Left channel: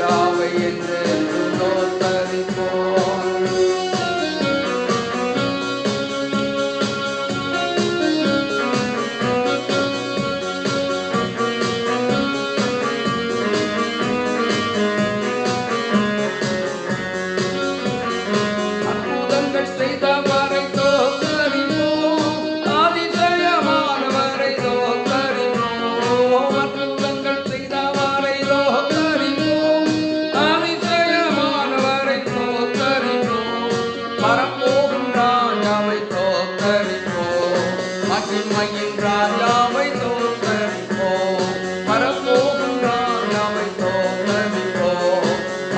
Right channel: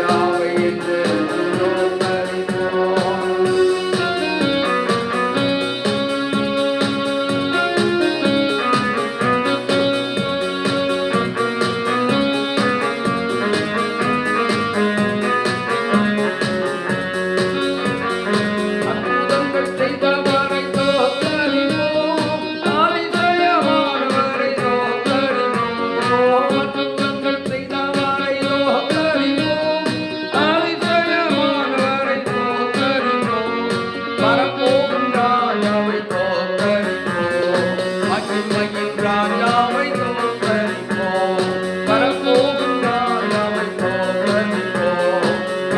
ராஜாவை என்று தோத்தரிப்போம். அற்புதங்கள் செய்தவரை தோத்தரிப்போம், அதிசயமானவரை தோத்தரிப்போம். அற்புதங்கள் செய்தவரை தோத்தரிப்போம், அதிசயமானவரை தோத்தரிப்போம். வரப்போகும் ராஜாவை தோத்தரிப்போம், மகிமையின் ராஜாவை தோத்தரிப்போம். வரப்போகும் ராஜாவை தோத்தரிப்போம்,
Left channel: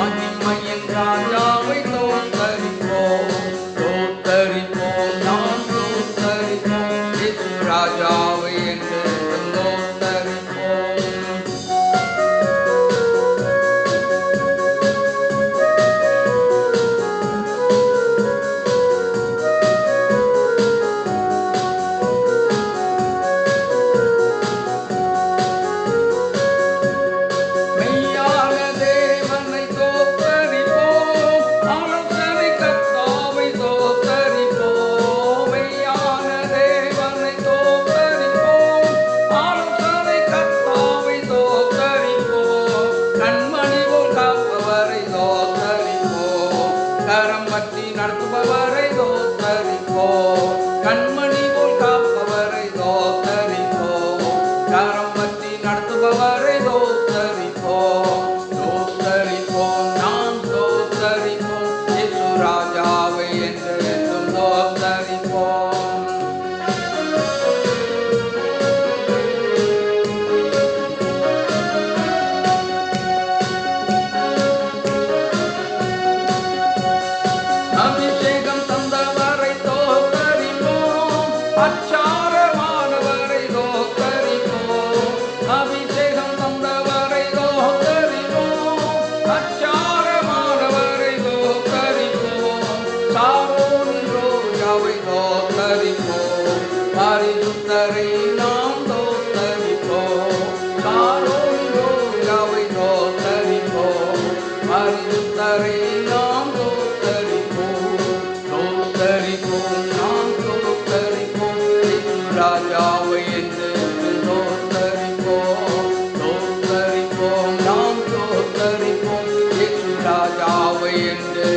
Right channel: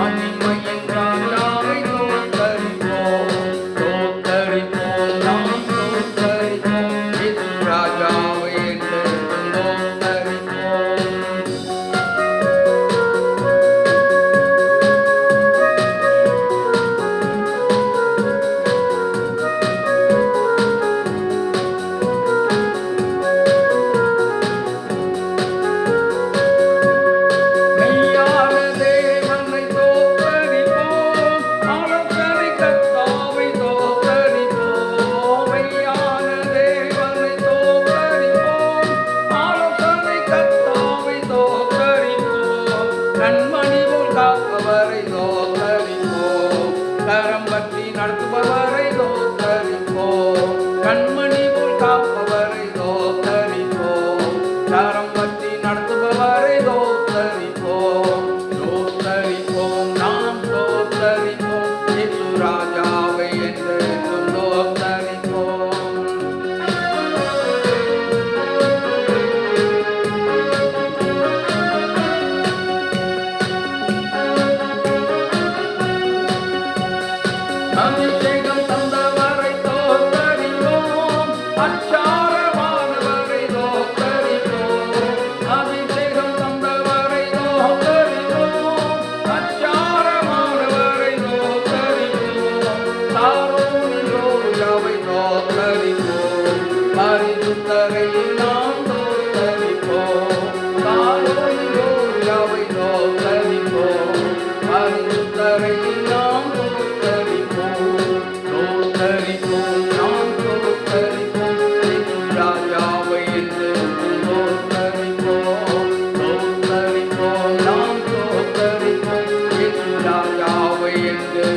மகிமையின் ராஜாவை தோத்தரிப்போம். தோத்தரிப்போம், நாம் தோத்தரிப்போம், இயேசு ராஜாவை என்று தோத்தரிப்போம். மெய்யான தேவனை தோத்தரிப்போம், ஆலோசனை கர்த்தாவை தோத்தரிப்போம். மெய்யான தேவனை தோத்தரிப்போம், ஆலோசனை கர்த்தாவை தோத்தரிப்போம். கண்மணி போல் காப்பவரை தோத்தரிப்போம், கரம் பற்றி நடத்துபவரை தோத்தரிப்போம். கண்மணி போல் காப்பவரை தோத்தரிப்போம், கரம் பற்றி நடத்துபவரை தோத்தரிப்போம். தோத்தரிப்போம், நாம் தோத்தரிப்போம், இயேசு ராஜாவை என்று தோத்தரிப்போம். அபிஷேகம் தந்தவரை தோத்தரிப்போம், அச்சாரமானவரை தோத்தரிப்போம். அபிஷேகம் தந்தவரை தோத்தரிப்போம், அச்சாரமானவரை தோத்தரிப்போம். சாரோனின் ரோஜாவை தோத்தரிப்போம், பரிசுத்தரை நாம் தோத்தரிப்போம். சாரோனின் ரோஜாவை தோத்தரிப்போம், பரிசுத்தரை நாம் தோத்தரிப்போம். தோத்தரிப்போம், நாம் தோத்தரிப்போம், இயேசு ராஜாவை என்று தோத்தரிப்போம். தோத்தரிப்போம், நாம் தோத்தரிப்போம், இயேசு ராஜாவை என்று